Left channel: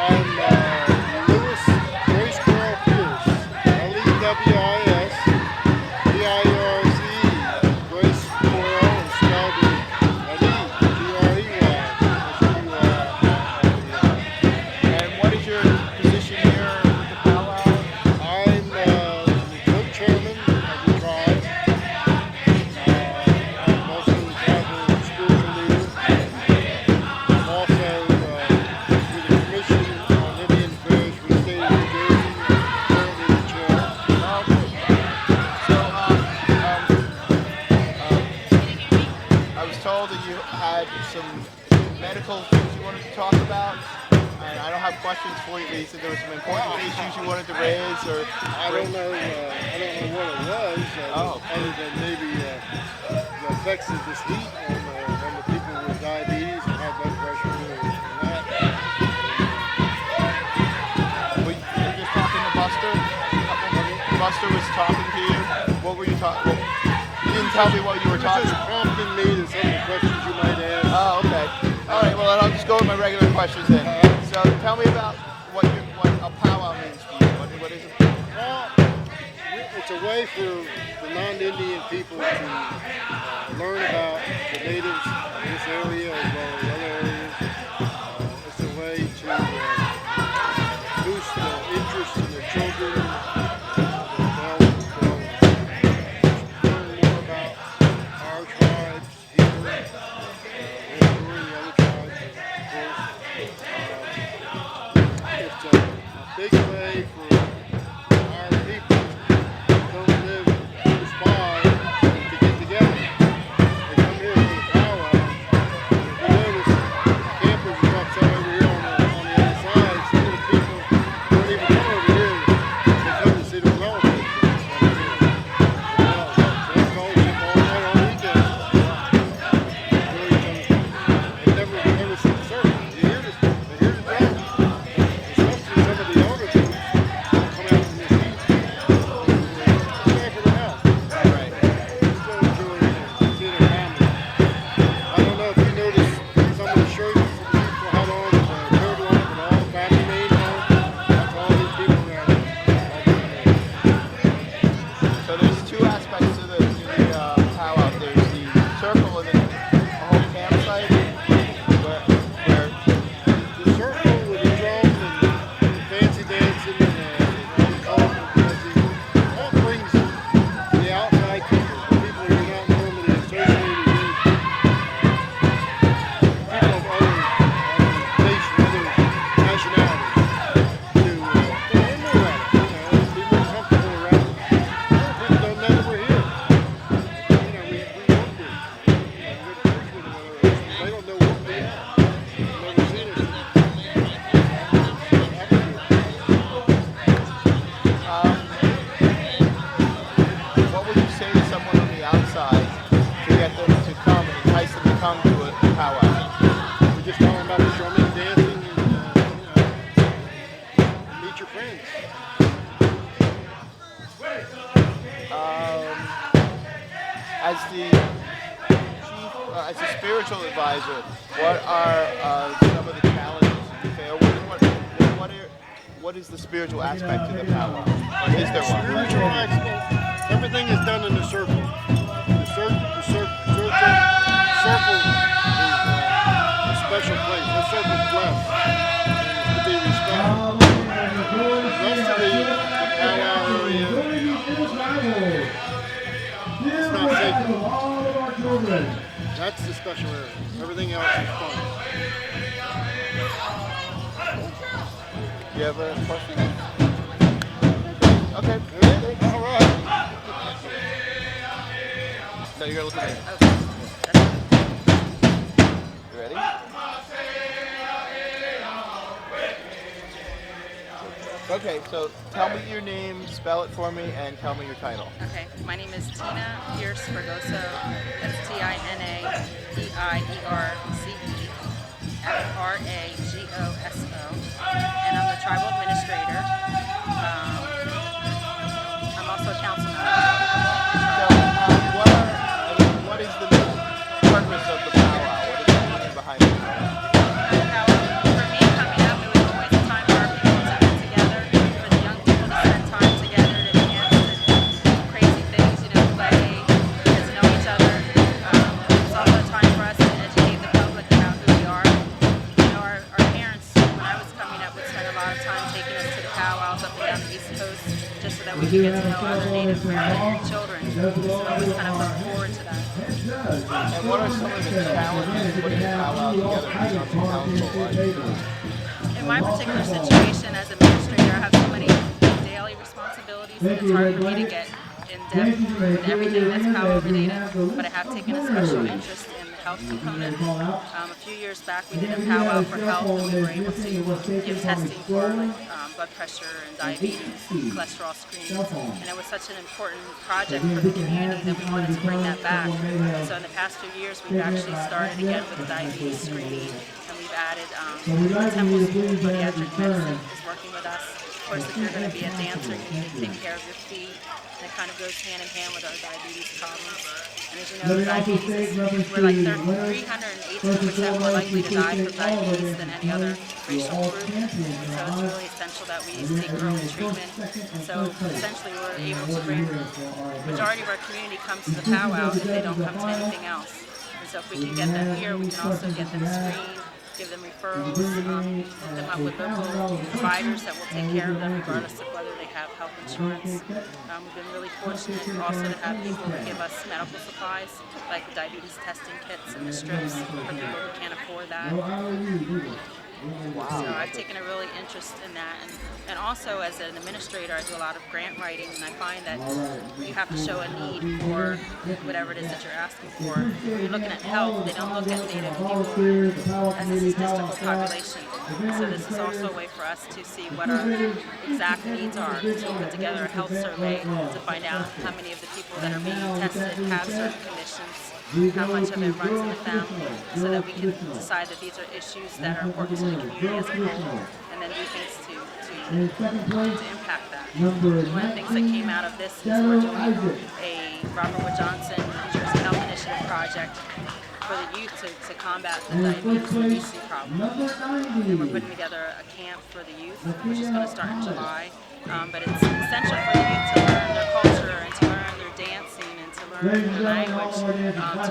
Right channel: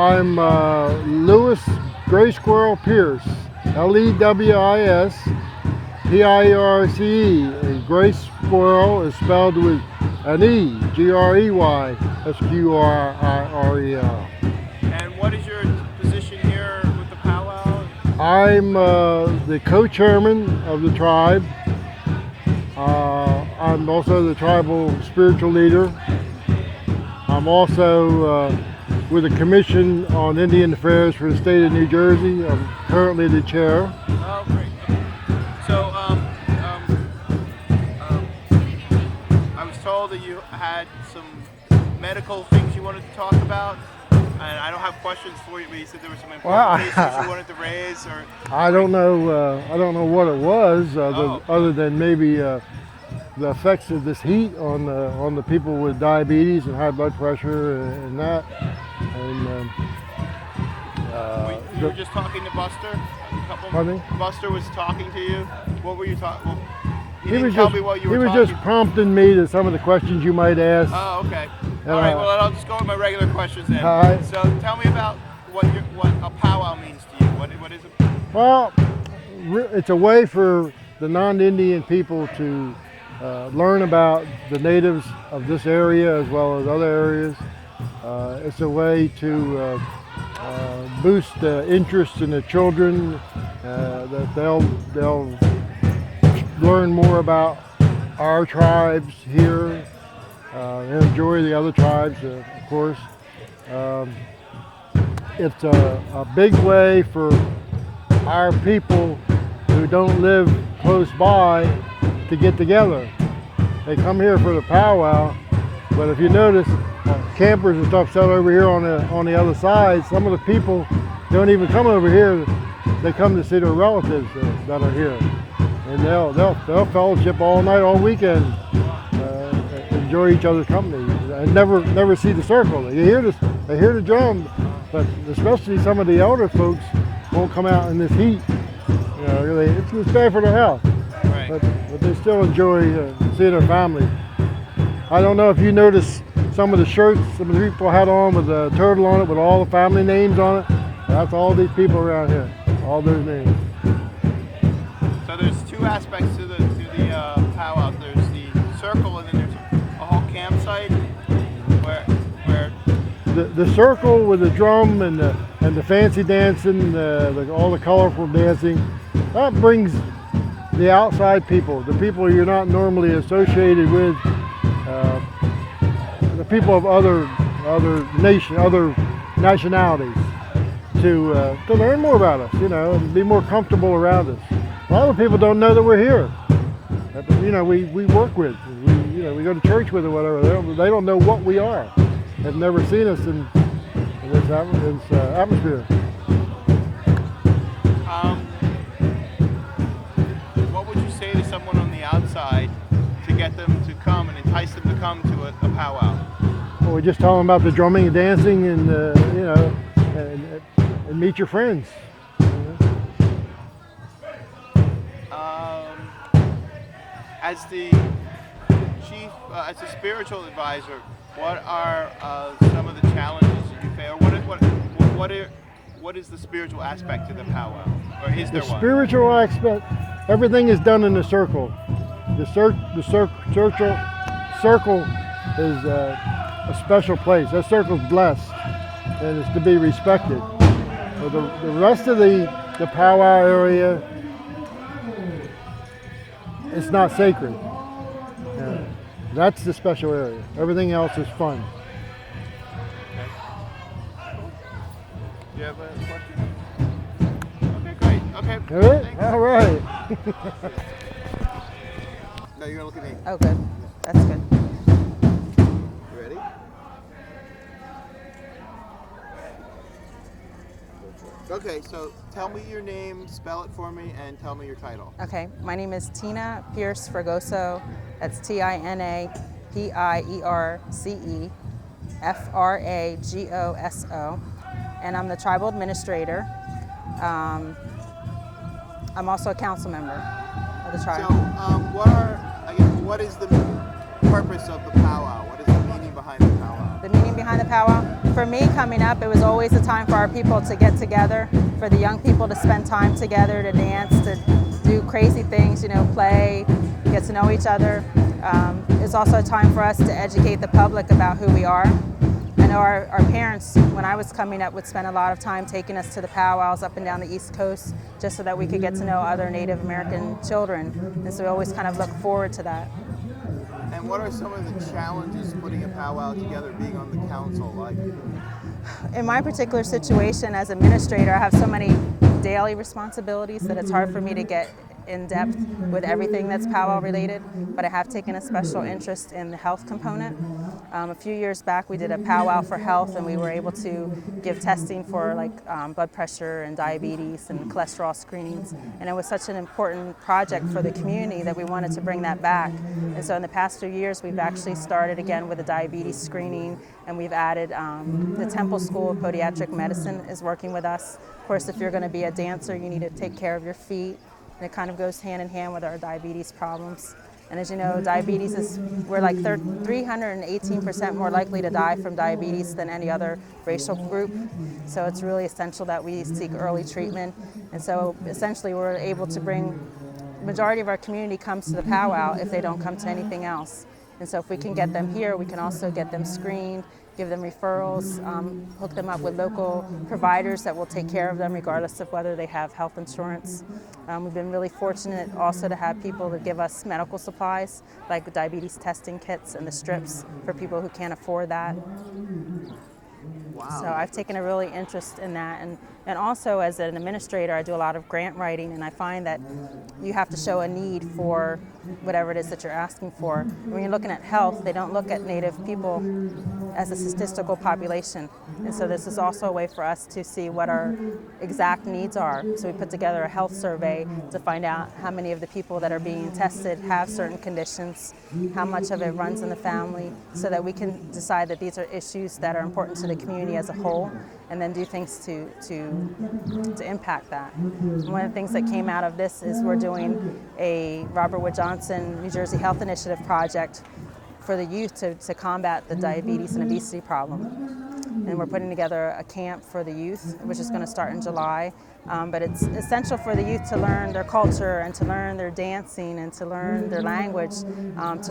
I'm Lewis Gray Squirrel Pierce, Lewis Pierce. Gray Squirrel is spelled with an E, Greysquirrel. And what is your position here with the powwow? I'm the co-chairman of the tribe. I'm also the tribal spiritual leader. I'm also with the Commission on Indian Affairs for the state of New Jersey. I'm currently the chair. So I was told that you had some medical things you wanted to talk about. And I don't have questions for you, but you said there were some important issues you wanted to raise, or I don't know what it was, other than maybe the effects of this heat on the people with diabetes and high blood pressure and that. you were just talking to Buster. Buster was talking to you. What were you talking? He was just prompting me to some of the questions you might ask. Oh, okay. All right. Well, I'll just go with my regular questions then. So, tell me about what a powwow means to you. What is it? Well, it's a way for the non-Indian people to learn about the natives of this area as well as other areas. It's a way to boost the interest in the children. That they'll learn more about our tribes here. And enjoy the other tribes, of course. It's a big way for our people who don't live close by to get together. They come here for the powwow, but if you notice, campers and stuff set over here on the other side. Some of the people don't even come over here. They come to see their relatives that are here, and they'll fellowship all night, all weekend, enjoy each other's company, and never see the circle. They hear the drum, but especially some of the elder folks don't come out in this heat. They stay for the house, but they still enjoy seeing their family. I don't know if you noticed some of the shirts some of the people had on with the turtle on it with all the family names on it. That's all these people around here, all those names. So there's two aspects to the powwow. There's the circle and then a whole campsite. The circle with the drum and the fancy dancing, all the colorful dancing, that brings the outside people, the people you're not normally associated with, the people of other nationalities, to learn more about us, and be more comfortable around us. A lot of people don't know that we're here. We work with, we go to church with or whatever. They don't know what we are. They've never seen us in this atmosphere. What would you say to someone on the outside to get them to come and entice them to come to a powwow? Well, we just tell them about the drumming and dancing, and meet your friends. As the chief, as a spiritual advisor, what are some of the challenges you face? What is the spiritual aspect to the powwow? Or is there one? Spiritual aspect, everything is done in the circle. The circle is a special place. That circle is blessed, and it's to be respected. The rest of the powwow area, it's not sacred. That's the special area. Everything else is fun. Do you have a question? Okay. All right. So you're gonna look at me. Okay, that's good. You ready? Okay, so tell me your name, spell it for me, and tell me your title. Okay, my name is Tina Pierce Fragoso. That's TINAPIERCE and I'm the tribal administrator. I'm also a council member of the So, tribe. what is the purpose of the powwow? What is the meaning behind the powwow? The meaning behind the powwow, for me coming up, it was always a time coming up would spend a lot of time taking us to the powwows up and down the East Coast, just so that we could get to know other Native American children. So we always kind of look forward to that. And what are some of the challenges putting a powwow together for some council? In my particular situation as administrator, I have so many daily responsibilities that it's hard for me to get in depth with everything that's powwow related, but I have taken a special interest in the health component. A few years back we did a powwow for health, and we were able to give testing for like blood pressure and diabetes and cholesterol screenings, and it was such an important project for the community that we wanted to bring that back. And so in the past few years we've actually started again with a diabetes screening, and we've added the Temple School of Podiatric Medicine is working with us. Of course, if you're going to be a dancer, you need to take care of your feet. And it kind of goes hand in hand with our diabetes problems. And as you know, diabetes is, we're like 318% more likely to die from diabetes than any other racial group. So it's really essential that we seek early treatment. And so essentially we're able to bring, the majority of our community comes to the powwow if they don't come to anything else. And so if we can get them here, we can also get them screened, give them referrals, hook them up with local providers that will take care of them regardless of whether they have health insurance. We've been really fortunate also to have people that give us medical supplies, like the diabetes testing kits and the strips for people who can't afford that. So I've taken a really interest in that, and also as an administrator I do a lot of grant writing, and I find that you have to show a need for whatever it is that you're asking for. When you're looking at health, they don't look at Native people as a statistical population, and so this is also a way for us to see what our exact needs are. So we put together a health survey to find out how many of the people that are being tested have certain conditions, how much of it runs in the family, so that we can decide that these are issues that are important to the community as a whole, and then do things to impact that. And one of the things that came out of this is we're doing a Robert Wood Johnson New Jersey Health Initiative project for the youth to combat the diabetes and obesity problem. And we're putting together a camp for the youth, which is going to start in July. But it's essential for the youth to learn their culture and to learn their dancing and to learn their language, to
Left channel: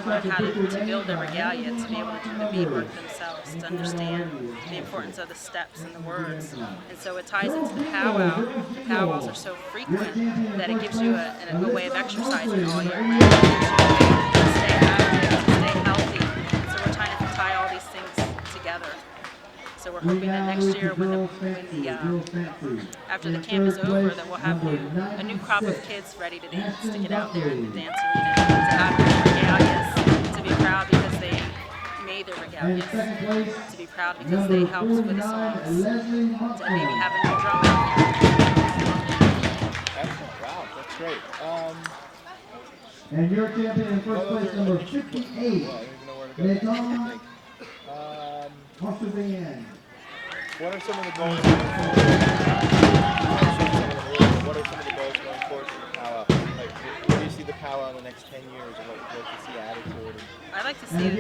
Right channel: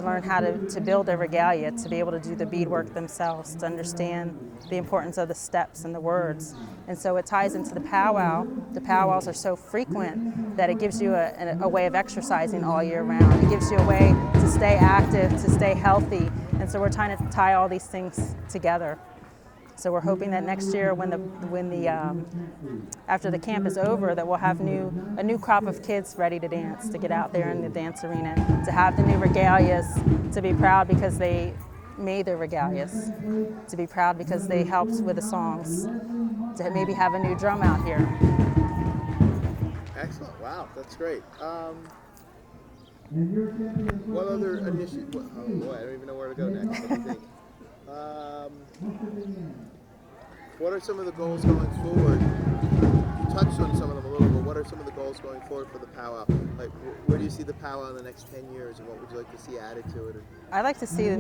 learn how to build their regalia, to be able to do the beadwork themselves, to understand the importance of the steps and the words. And so it ties into the powwow. The powwows are so frequent that it gives you a way of exercising all year round. It gives you a way to stay active, to stay healthy. And so we're trying to tie all these things together. So we're hoping that next year, after the camp is over, that we'll have a new crop of kids ready to dance, to get out there in the dance arena, to have their regalias, to be proud because they made their regalias, to be proud because they helped with the songs, to maybe have a new drum out here. Excellent. Wow, that's great. What other initiatives? I don't even know where to go next. What are some of the goals going forward? What are some of the goals going forward for the powwow? Like, where do you see the powwow in the next 10 years, and what would you like to see added to it? I'd like to see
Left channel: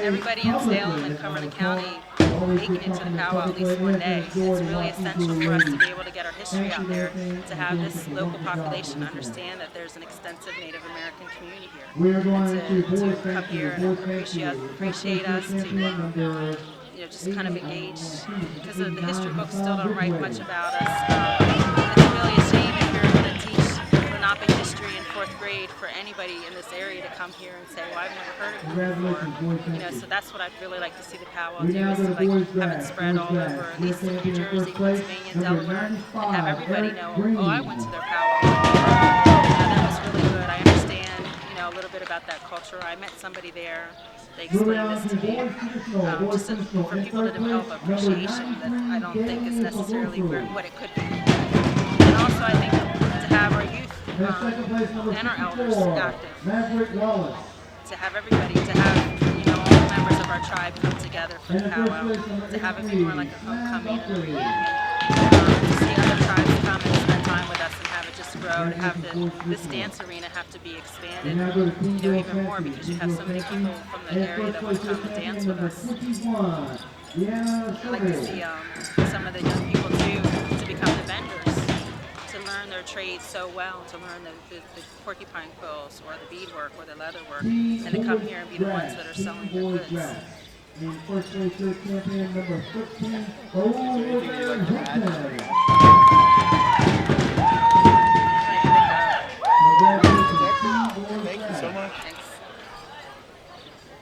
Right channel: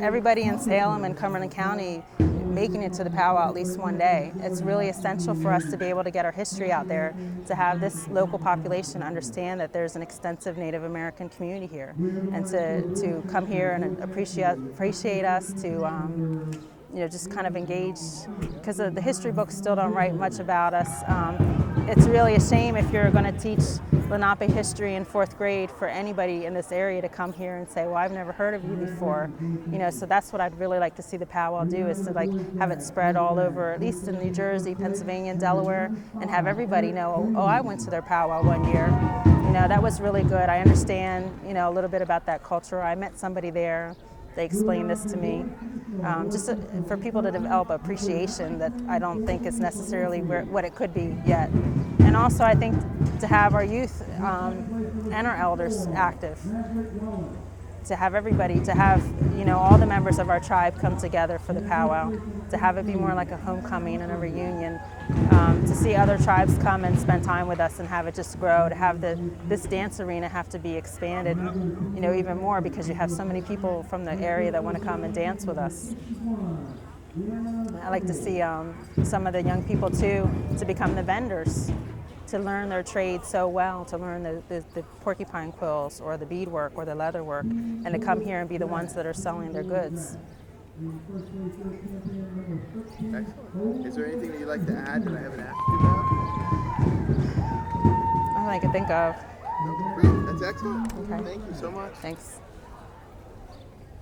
everybody in Salem and Cumberland County making it to the powwow at least one day. It's really essential for us to be able to get our history out there, to have this local population understand that there's an extensive Native American community here, and to come here and appreciate us, to just kind of engage, because the history books still don't write much about us. It's really a shame if you're going to teach Lenape history in 4th grade for anybody in this area to come here and say, well, I've never heard of you before. So that's what I'd really like to see the powwow do, is to have it spread all over, at least in New Jersey, Pennsylvania, and Delaware, and have everybody know, oh, I went to their powwow one year. That was really good. I understand, a little bit about that culture. I met somebody there. They explained this to me, just for people to develop appreciation that I don't think is necessarily what it could be yet. And also I think to have our youth and our elders active, to have everybody, to have all the members of our tribe come together for the powwow, to have it be more like a homecoming and a reunion, to see other tribes come and spend time with us and have it just grow, to have this dance arena have to be expanded, even more, because you have so many people from the area that want to come and dance with us. I like to see some of the young people too to become the vendors, to learn their trade so well, to learn the porcupine quills or the beadwork or the leather work, and to come here and be the ones that are selling their goods. Is there anything you'd like to add? I can think of. That's excellent. Thank you so much. Thanks.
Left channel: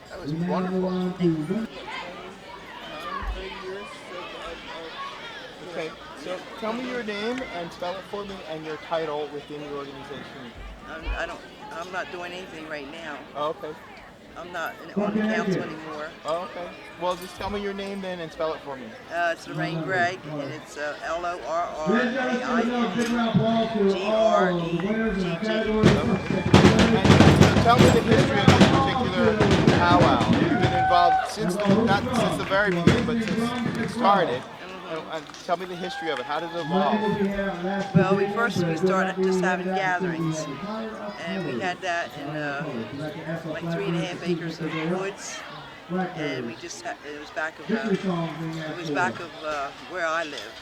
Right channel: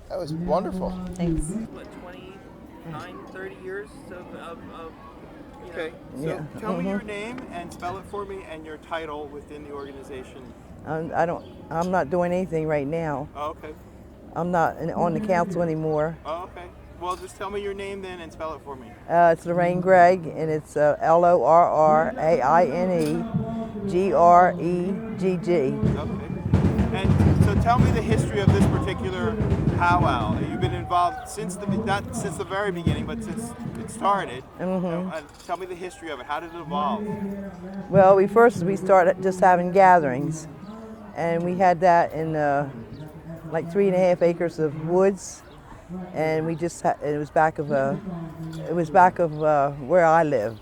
That was wonderful. Thanks. 30 years okay, so tell me your name and spell it for me and your title within the organization. I'm not doing anything right now. Oh, okay. I'm not on the council anymore. Oh, okay. Well, just tell me your name then and spell it for me. It's Lorraine Gregg, and it's LORRAINEGREGGG. And so tell me the history of this particular powwow. You've been involved since not since the very beginning, but since it started. Tell me the history of it. How did it evolve? Well, we started just having gatherings, and we had that in like 3.5 acres of woods, and we just it was back of where I live,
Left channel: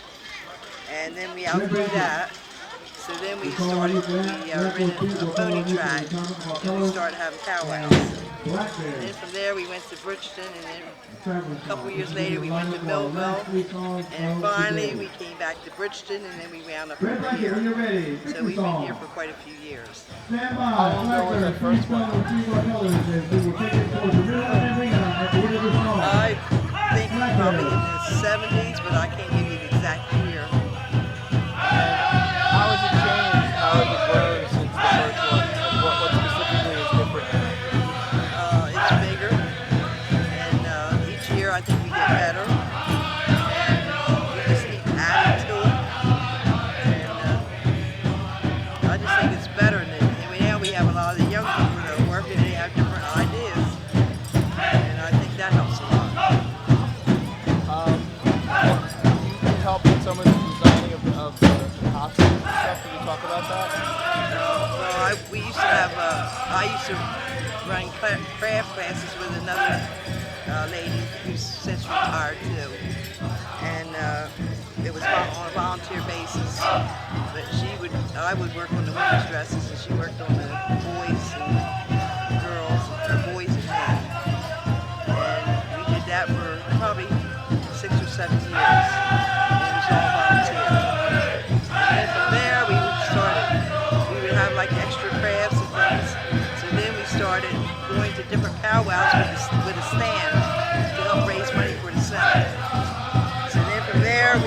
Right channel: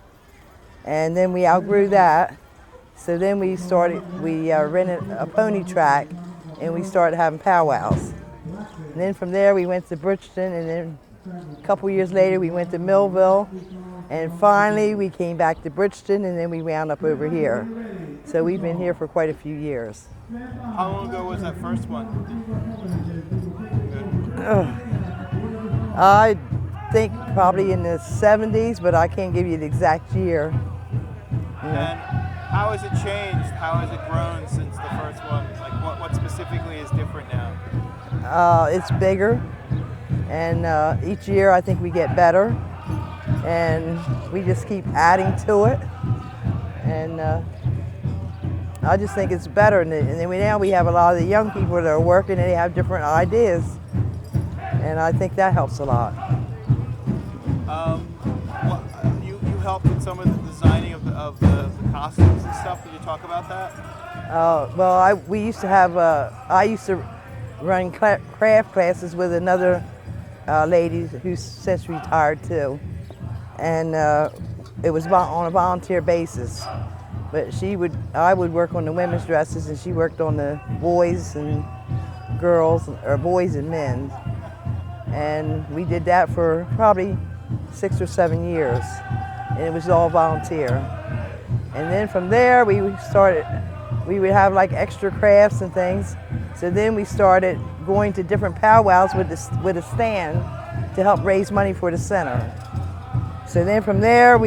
and then we outgrew that. So then we rented a pony track, and we started having powwows. And then from there we went to Bridgeton, and then a couple years later we went to Millville, and finally we came back to Bridgeton, and then we wound up over here. So we've been here for quite a few years. How long ago was that first one? I think probably in the 70s, but I can't give you the exact year. How has it changed? How has it grown since the first one? What specifically is different now? It's bigger, and each year I think we get better, and we just keep adding to it. And I just think it's better. And then now we have a lot of the young people that are working, and they have different ideas, and I think that helps a lot. You help with some of the designing of the costumes and stuff. Can you talk about that? Well, we used to have, I used to run craft classes with another lady who's since retired too. And it was on a volunteer basis. But I would work on the women's dresses, and she worked on the boys and girls, or boys and men. And we did that for probably 6 or 7 years. And it was all volunteer. And then from there we would have like extra crafts and things. So then we started going to different powwows with a stand to help raise money for the center. So then from there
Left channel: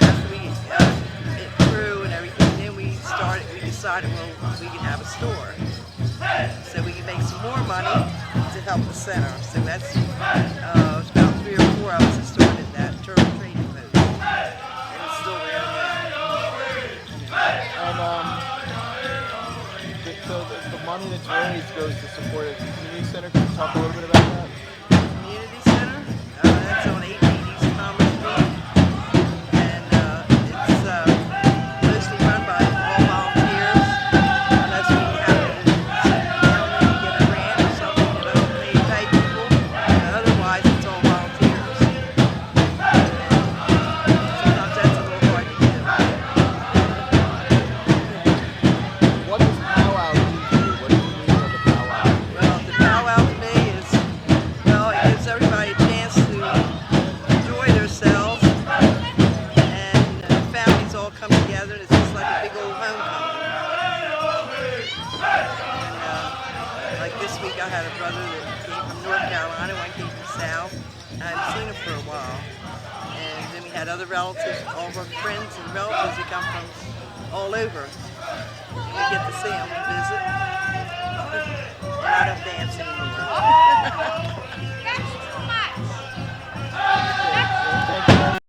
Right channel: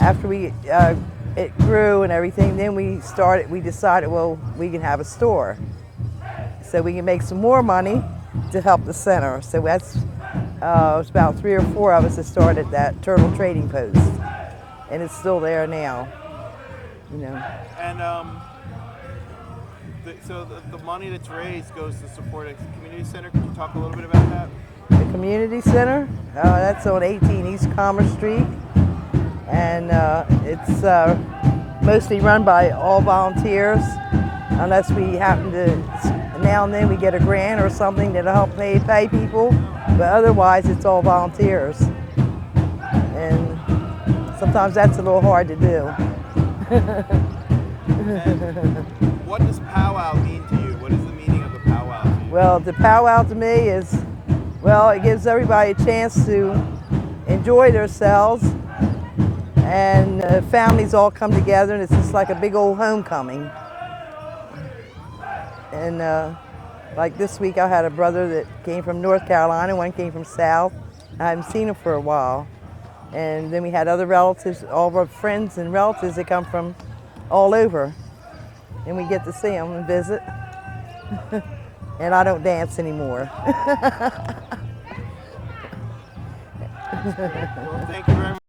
after it grew and everything, then we decided, well, we can have a store. So we can make some more money to help the center. So that's it's about 3 or 4 of us that started that Turtle Trading Post, and it's still there now. You know. And so the money that's raised goes to support a community center. Can you talk a little bit about that? The community center, that's on 18 East Commerce Street, and it's mostly run by all volunteers, unless we happen to now and then we get a grant or something that'll help pay people, but otherwise it's all volunteers. And sometimes that's a little hard to do. What does powwow mean to you? What does it mean of the powwow? Well, the powwow to me is, it gives everybody a chance to enjoy themselves, and families all come together, and it's just like a big old homecoming. And like this week I had a brother that came from North Carolina, one came from South. I hadn't seen him for a while. And then we had other relatives, all of our friends and relatives that come from all over. And we get to see them and visit. And I don't dance anymore.